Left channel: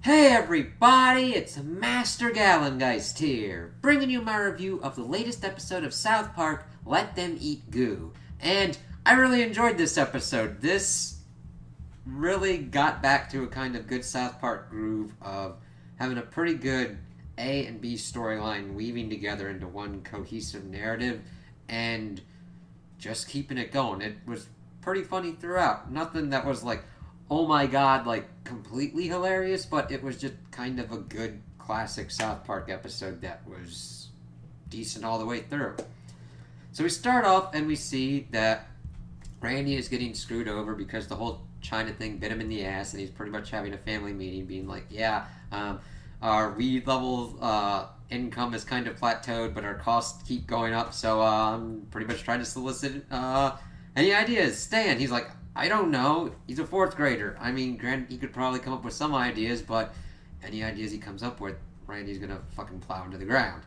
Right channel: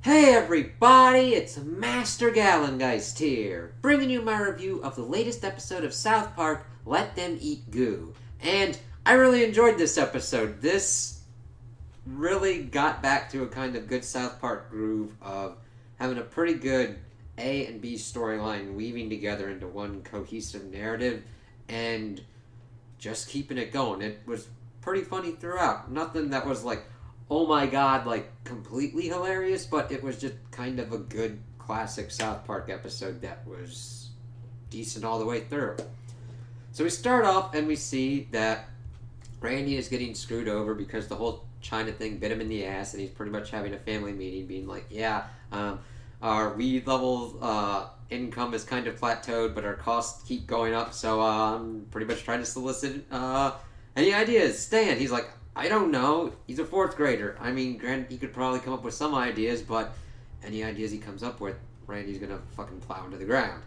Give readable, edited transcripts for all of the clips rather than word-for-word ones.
Hey everybody, it's Master Gallengeist here, bringing you my review of the latest episode of South Park, Let Them Eat Goo. And I really enjoyed this episode. This really got back to a kind of good South Park groove of having a pretty good A and B storyline weaving together into one cohesive narrative and just keeping it going. It was pretty funny throughout. Nothing that was like, oh my god, like completely hilarious, but it was just kind of a good classic South Park episode that was decent all the way through. So we start off and we see that Randy is getting screwed over because the whole China thing bit him in the ass, and he's pretty much having a family meeting, being like, "Yeah, our weed level income is kind of plateaued, but our costs keep going up. So I'm pretty much trying to solicit any ideas." Stan, he's like, "I don't know. He's a fourth grader. I mean, granted, he could probably come up with some ideas, but any ideas he comes up with, Randy's gonna fucking plow into the ground."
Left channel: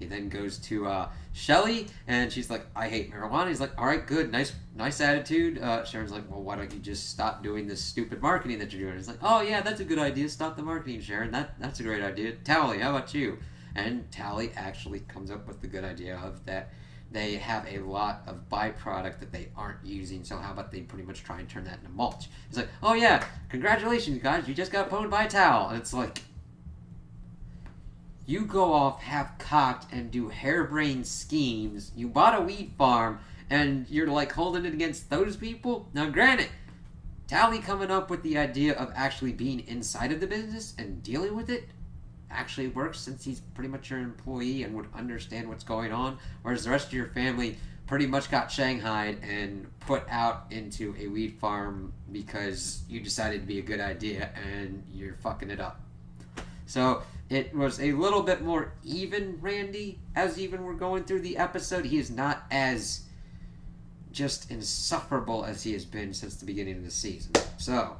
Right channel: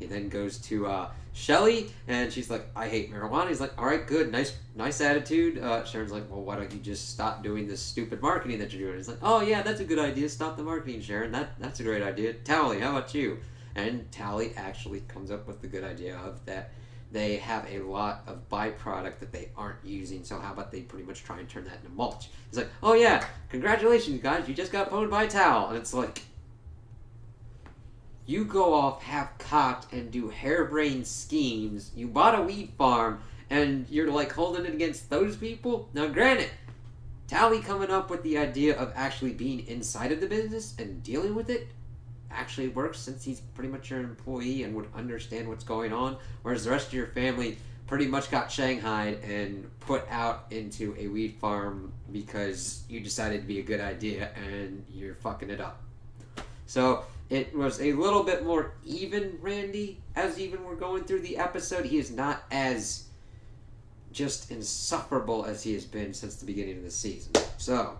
He then goes to Shelly, and she's like, "I hate marijuana." He's like, "All right, good, nice attitude." Sharon's like, "Well, why don't you just stop doing this stupid marketing that you're doing?" He's like, "Oh yeah, that's a good idea. Stop the marketing, Sharon. That's a great idea." Tally, how about you? And Tally actually comes up with the good idea of that they have a lot of byproduct that they aren't using, so how about they pretty much try and turn that into mulch? He's like, "Oh yeah, congratulations guys, you just got pwned by a towel." And it's like, you go off half cocked and do harebrained schemes. You bought a weed farm and you're like holding it against those people? Now, granted, Tally coming up with the idea of actually being inside of the business and dealing with it actually works, since he's pretty much your employee and would understand what's going on, whereas the rest of your family pretty much got shanghaied and put out into a weed farm because you decided to be a good idea and you're fucking it up. So it was a little bit more even, Randy, as even we're going through the episode. He is not as just insufferable as he has been since the beginning of the season. So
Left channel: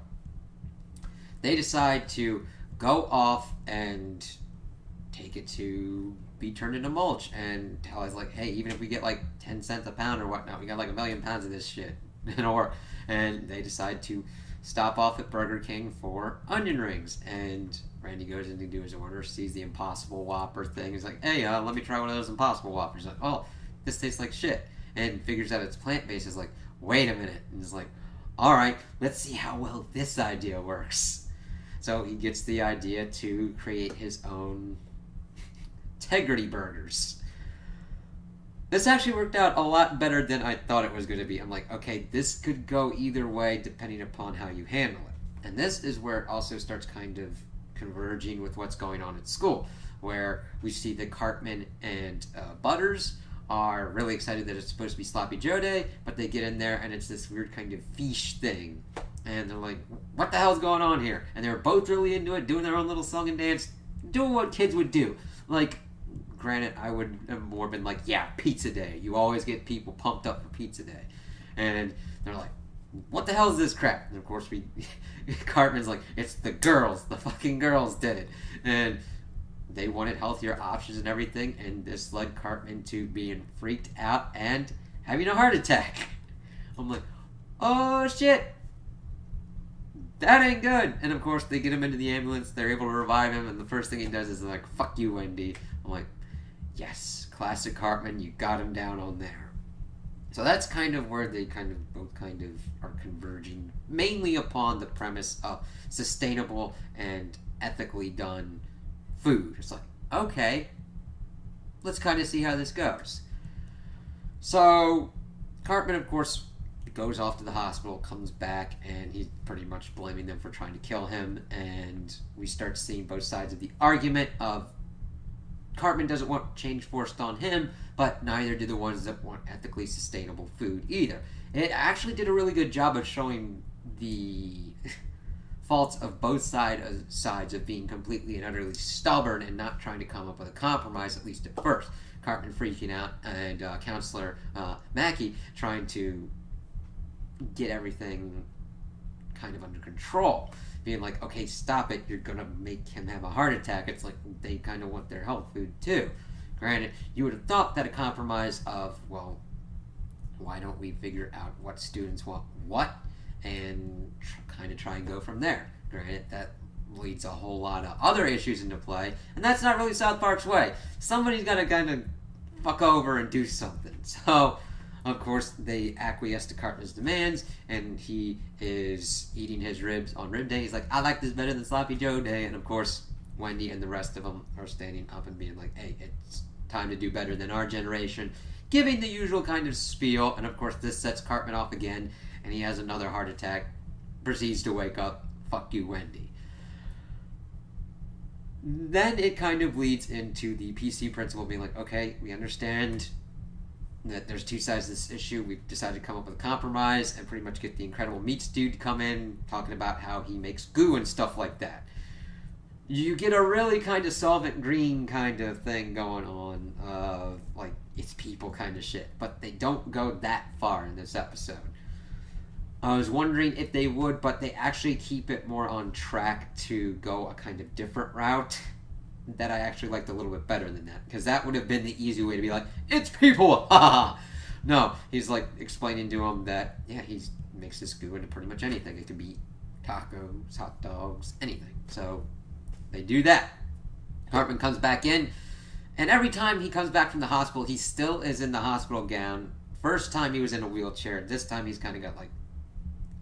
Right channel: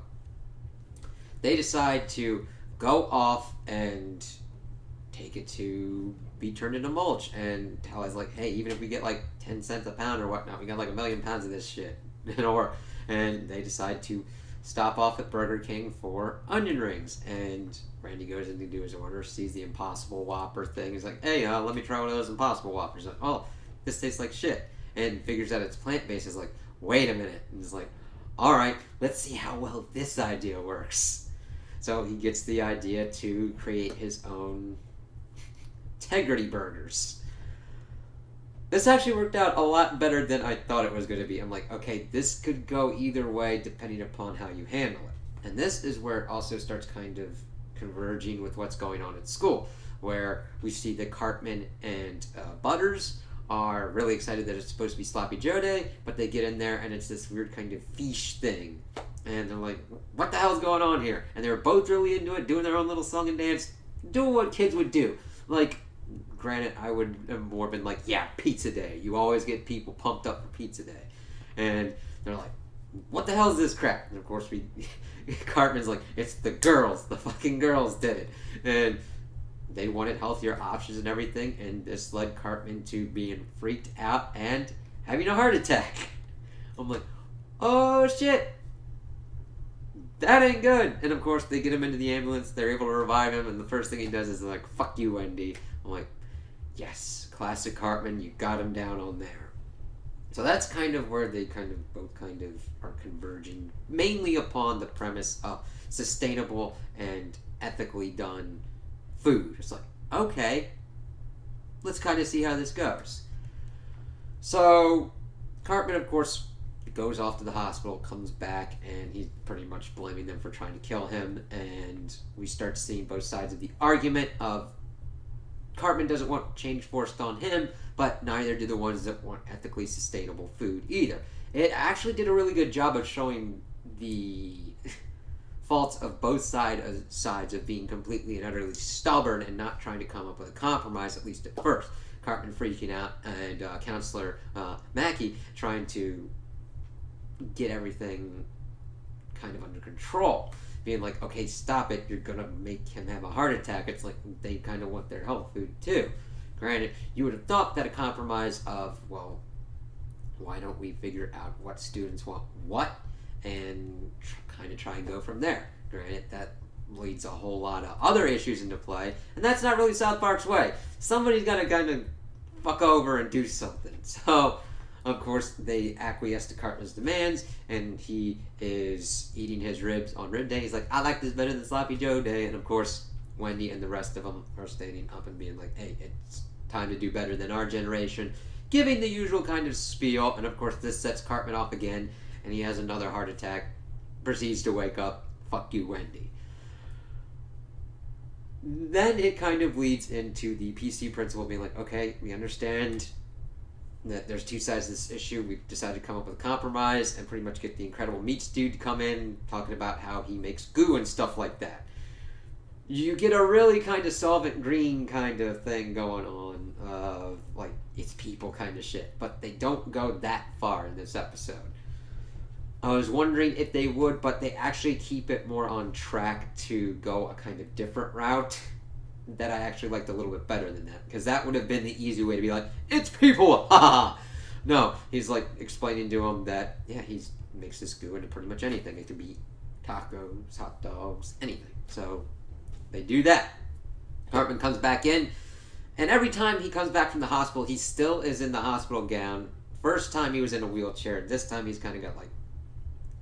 they decide to go off and take it to be turned into mulch. And Tally's like, "Hey, even if we get like 10 cents a pound or whatnot, we got like a million pounds of this shit." And they decide to stop off at Burger King for onion rings. And Randy goes in to do his order, sees the Impossible Whopper thing. He's like, "Hey, let me try one of those Impossible Whoppers." He's like, "Oh, this tastes like shit." And figures out it's plant based. Is like, "Wait a minute." And he's like, "All right, let's see how well this idea works." So he gets the idea to create his own integrity burgers. This actually worked out a lot better than I thought it was going to be. I'm like, okay, this could go either way depending upon how you handle it. And this is where it also starts kind of converging with what's going on at school, where we see that Cartman and Butters are really excited that it's supposed to be Sloppy Joe Day, but they get in there and it's this weird kind of fiche thing. And they're like, "What the hell's going on here?" And they were both really into it, doing their own little song and dance, doing what kids would do. Like, granted, I would have more been like, "Yeah, pizza day. You always get people pumped up for pizza day." And they're like, "What the hell is this crap?" And of course, Cartman's like, "It's the girls. The fucking girls did it." And they wanted healthier options and everything. And this led Cartman to being freaked out and having a heart attack. I'm like, "Oh shit. That ain't good." And of course, they get him into the ambulance. They're able to revive him. And the first thing he does is like, "Fuck you, Wendy." I'm like, yes, classic Cartman, you got him down on there. So that's kind of where they kind of both kind of are converging, mainly upon the premise of sustainable and ethically done food. It's like, okay, let's kind of see how this goes. So Cartman, of course, goes off to the hospital, comes back, and he's pretty much blaming them for trying to kill him. And we start seeing both sides of the argument of Cartman doesn't want change forced on him, but neither do the ones that want ethically sustainable food either. It actually did a really good job of showing the faults of both sides of being completely and utterly stubborn and not trying to come up with a compromise, at least at first. Cartman freaking out, and Counselor Mackey trying to get everything kind of under control, being like, "Okay, stop it, you're gonna make him have a heart attack." It's like they kind of want their health food too. Granted, you would have thought that a compromise of, well, why don't we figure out what students want what and kind of try and go from there. Granted, that leads a whole lot of other issues into play, and that's not really South Park's way. Somebody's got to kind of fuck over and do something. So, of course, they acquiesce to Cartman's demands, and he is eating his ribs on Rib Day. He's like, I like this better than Sloppy Joe Day. And, of course, Wendy and the rest of them are standing up and being like, hey, it's time to do better than our generation. Giving the usual kind of spiel, and, of course, this sets Cartman off again, and he has another heart attack, proceeds to wake up. Fuck you, Wendy. Then it kind of leads into the PC principal being like, okay, we understand that there's two sides to this issue. We've decided to come up with a compromise and pretty much get the Incredible Meats dude to come in talking about how he makes goo and stuff like that. You get a really kind of Solvent Green kind of thing going on, like it's people kind of shit, but they don't go that far in this episode. I was wondering if they would, but they actually keep it more on track to go a kind of different route that I actually liked a little bit better than that. Because that would have been the easy way to be like, it's people! Ha! No, he's like explaining to him that, yeah, he makes this goo into pretty much anything. It could be tacos, hot dogs, anything. So they do that. Cartman comes back in, and every time he comes back from the hospital, he still is in the hospital gown. First time he was in a wheelchair. This time he's kind of got like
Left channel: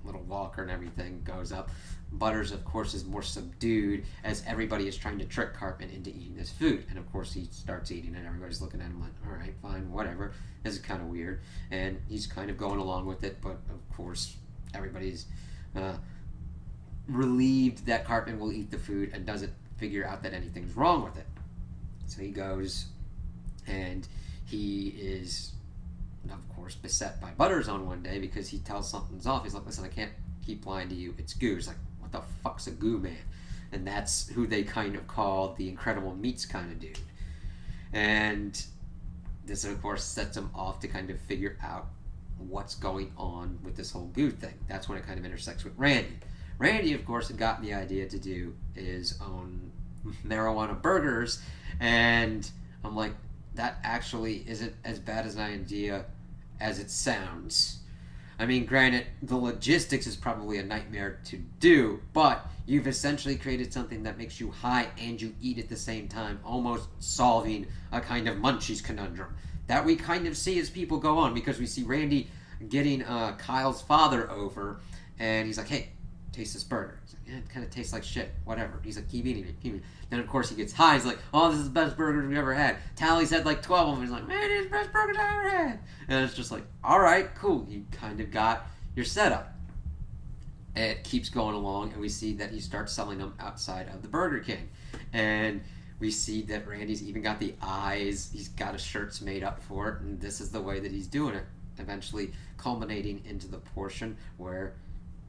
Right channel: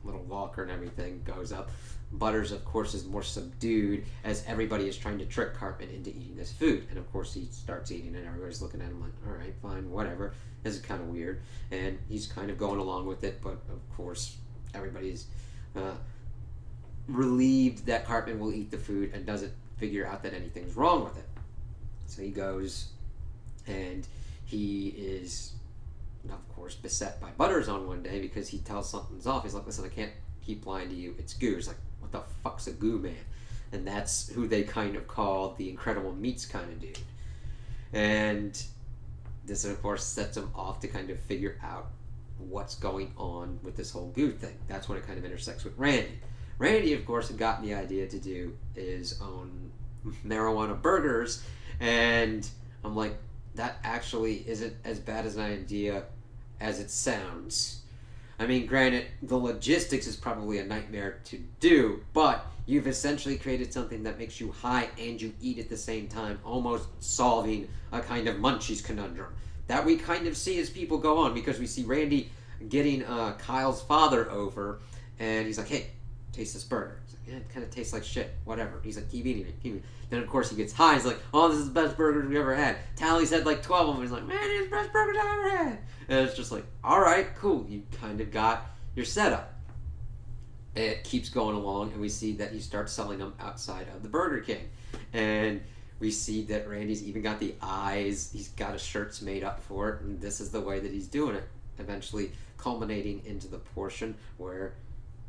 little walker and everything, goes up. Butters, of course, is more subdued as everybody is trying to trick Cartman into eating this food. And, of course, he starts eating and everybody's looking at him like, all right, fine, whatever. This is kind of weird. And he's kind of going along with it, but, of course, everybody's relieved that Cartman will eat the food and doesn't figure out that anything's wrong with it. So he goes and he is, of course, beset by Butters on one day because he tells something's off. He's like, listen, I can't keep lying to you. It's goo. He's like, what the fuck's a goo man? And that's who they kind of call the Incredible Meats kind of dude. And this, of course, sets him off to kind of figure out what's going on with this whole goo thing. That's when it kind of intersects with Randy. Randy, of course, had gotten the idea to do his own marijuana burgers, and I'm like, that actually isn't as bad as an idea as it sounds. I mean, granted, the logistics is probably a nightmare to do, but you've essentially created something that makes you high and you eat at the same time, almost solving a kind of Munchies conundrum that we kind of see as people go on, because we see Randy getting Kyle's father over, and he's like, hey, taste this burger. He's like, yeah, it kind of tastes like shit, whatever. He's like, keep eating it, keep eating it. Then, of course, he gets high. He's like, oh, this is the best burger we've ever had. Tally's had like 12 of them. He's like, man, it's the best burgers I've ever had. And it's just like, all right, cool. You kind of got your setup. It keeps going along, and we see that he starts selling them outside of the Burger King. And we see that Randy's even got the eyes. He's got his shirts made up for it, and this is the way that he's doing it. Eventually culminating into the portion where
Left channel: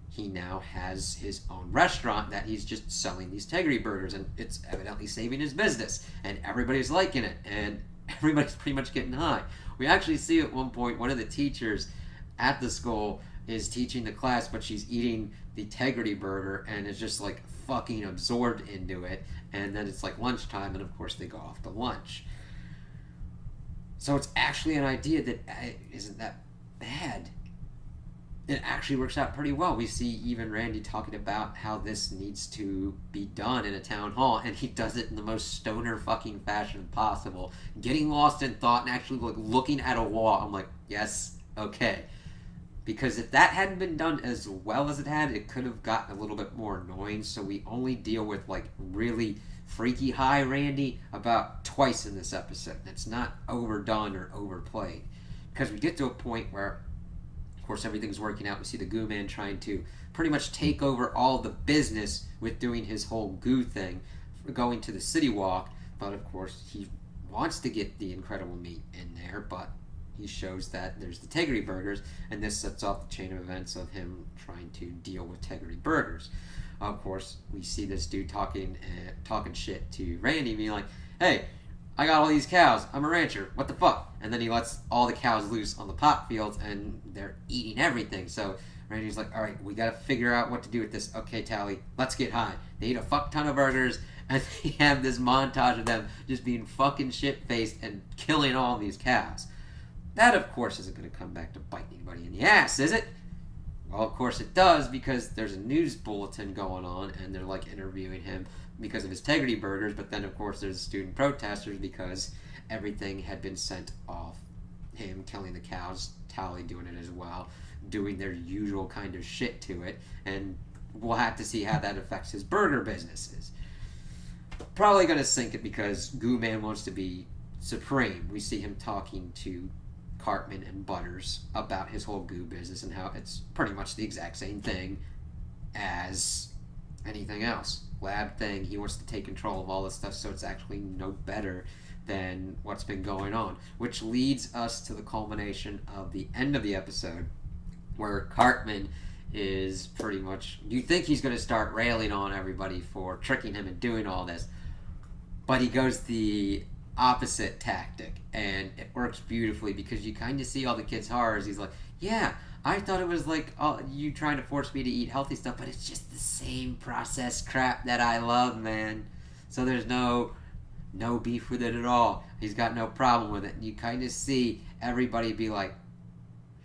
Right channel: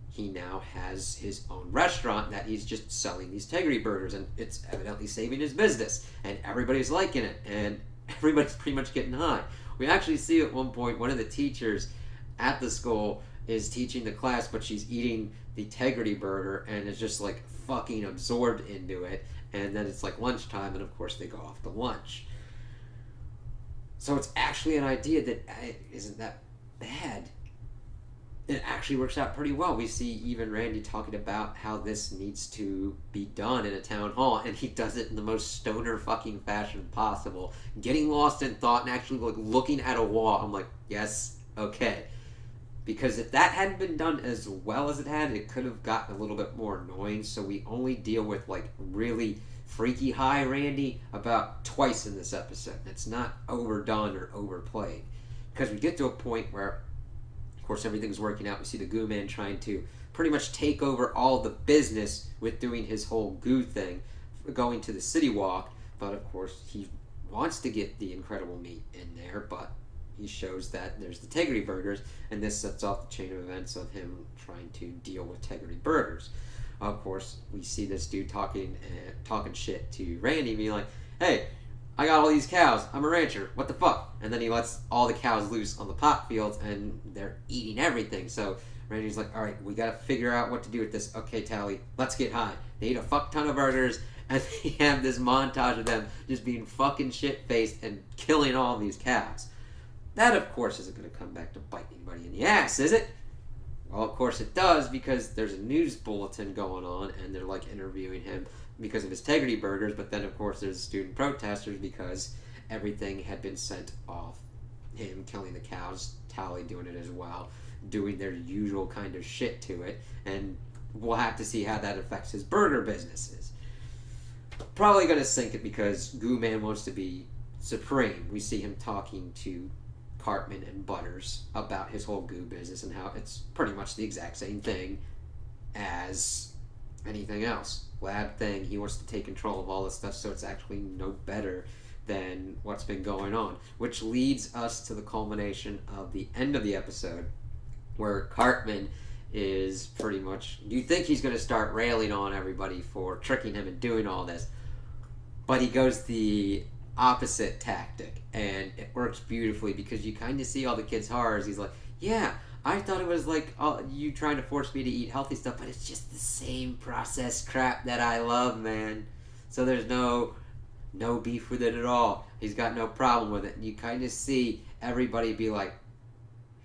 he now has his own restaurant that he's just selling these Tegrity burgers, and it's evidently saving his business, and everybody's liking it, and everybody's pretty much getting high. We actually see at one point one of the teachers at the school is teaching the class, but she's eating the Tegrity burger and is just like fucking absorbed into it, and then it's like lunchtime, and of course they go off to lunch. So it's actually an idea that isn't that bad. It actually works out pretty well. We see even Randy talking about how this needs to be done in a town hall, and he does it in the most stoner fucking fashion possible, getting lost in thought and actually like looking at a wall. I'm like, yes, okay. Because if that hadn't been done as well as it had, it could have gotten a little bit more annoying. So we only deal with like really freaky high Randy about twice in this episode. It's not overdone or overplayed, because we get to a point where, of course, everything's working out. We see the Goo Man trying to pretty much take over all the business with doing his whole goo thing, going to the City Walk. But of course, he wants to get the Incredible Meat in there, but he shows that there's the Tegrity burgers, and this sets off the chain of events of him trying to deal with Tegrity burgers. Of course, we see this dude talking shit to Randy, being like, hey, I got all these cows. I'm a rancher. What the fuck? And then he lets all the cows loose on the pop fields, and they're eating everything. So Randy's like, all right, we got to figure out what to do with this. Okay, Tally, let's get high. They eat a fuck ton of burgers, and they have this montage of them just being fucking shit-faced and killing all these cows. That, of course, isn't going to come back to bite anybody in the ass, is it? Well, of course it does, because there's a news bulletin going on and they're like interviewing him because of his Integrity Burgers, but then of course there's student protesters because everything had been sent off. Him killing the cows, Tally doing it as well, doing their usual kind of shit to it, and we'll have to see how that affects his burger businesses. Probably gonna sink it because Goo Man wants to be supreme. We see him talking to Cartman and Butters about his whole goo business and how it's pretty much the exact same thing as anything else. Lab thing, he wants to take control of all this stuff, so it's actually no better than what's been going on. Which leads us to the culmination of the end of the episode, where Cartman is pretty much, you think he's going to start railing on everybody for tricking him and doing all this, but he goes the opposite tactic, and it works beautifully because you kind of see all the kids' horrors. He's like, yeah, I thought it was like, oh, you trying to force me to eat healthy stuff, but it's just the same processed crap that I love, man. So there's no beef with it at all. He's got no problem with it. And you kind of see everybody be like,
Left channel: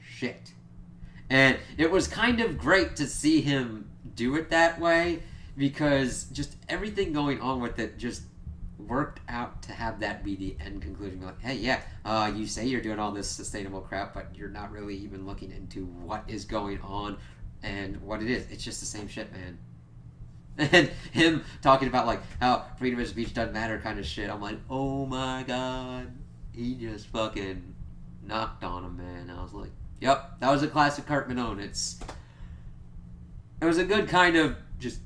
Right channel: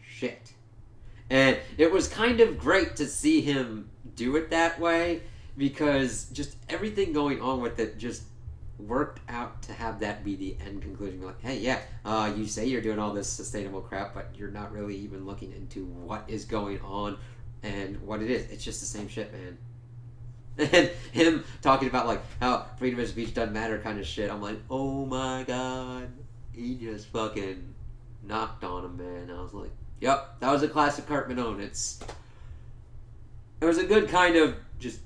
shit. And it was kind of great to see him do it that way, because just everything going on with it just worked out to have that be the end conclusion. Like, hey, yeah, you say you're doing all this sustainable crap, but you're not really even looking into what is going on and what it is. It's just the same shit, man. And him talking about like how freedom of speech doesn't matter kind of shit. I'm like, oh my god, he just fucking knocked on him, man. I was like, yep, that was a classic Cartman own. It was a good kind of just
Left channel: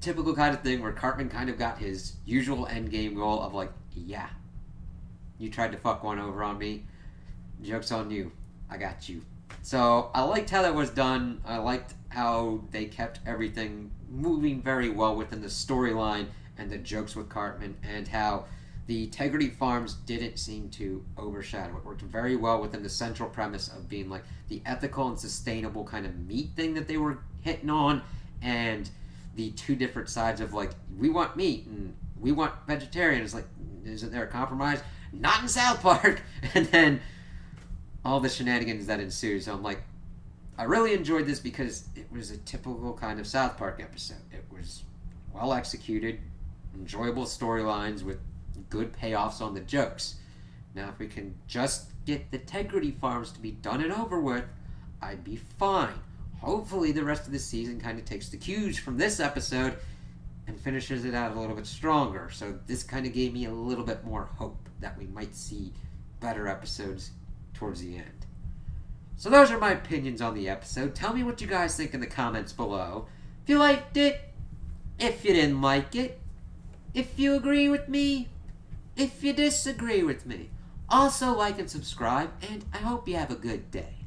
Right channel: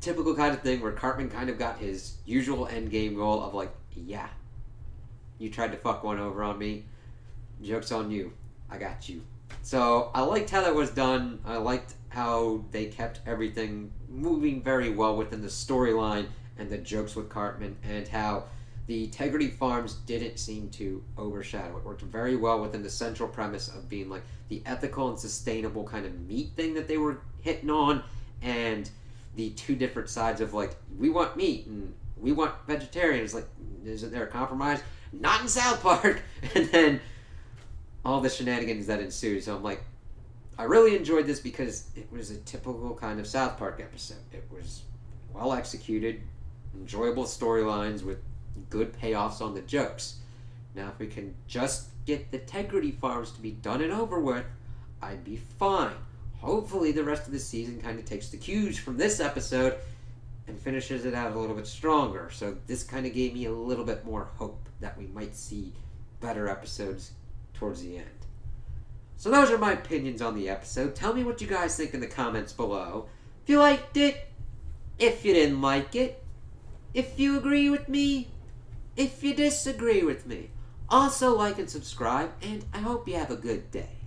typical kind of thing where Cartman kind of got his usual end game goal of like, yeah, you tried to fuck one over on me. Joke's on you. I got you. So I liked how that was done. I liked how they kept everything moving very well within the storyline and the jokes with Cartman, and how the Integrity Farms didn't seem to overshadow it. Worked very well within the central premise of being like the ethical and sustainable kind of meat thing that they were hitting on, and the two different sides of like, we want meat and we want vegetarian. It's like, isn't there a compromise? Not in South Park. And then all the shenanigans that ensued. So I'm like, I really enjoyed this because it was a typical kind of South Park episode. It was well executed, enjoyable storylines with good payoffs on the jokes. Now, if we can just get the Integrity Farms to be done and over with, I'd be fine. Hopefully the rest of the season kind of takes the cues from this episode and finishes it out a little bit stronger. So this kind of gave me a little bit more hope that we might see better episodes towards the end. So those are my opinions on the episode. Tell me what you guys think in the comments below. If you liked it, if you didn't like it, if you agree with me, if you disagree with me. Also like and subscribe, and I hope you have a good day.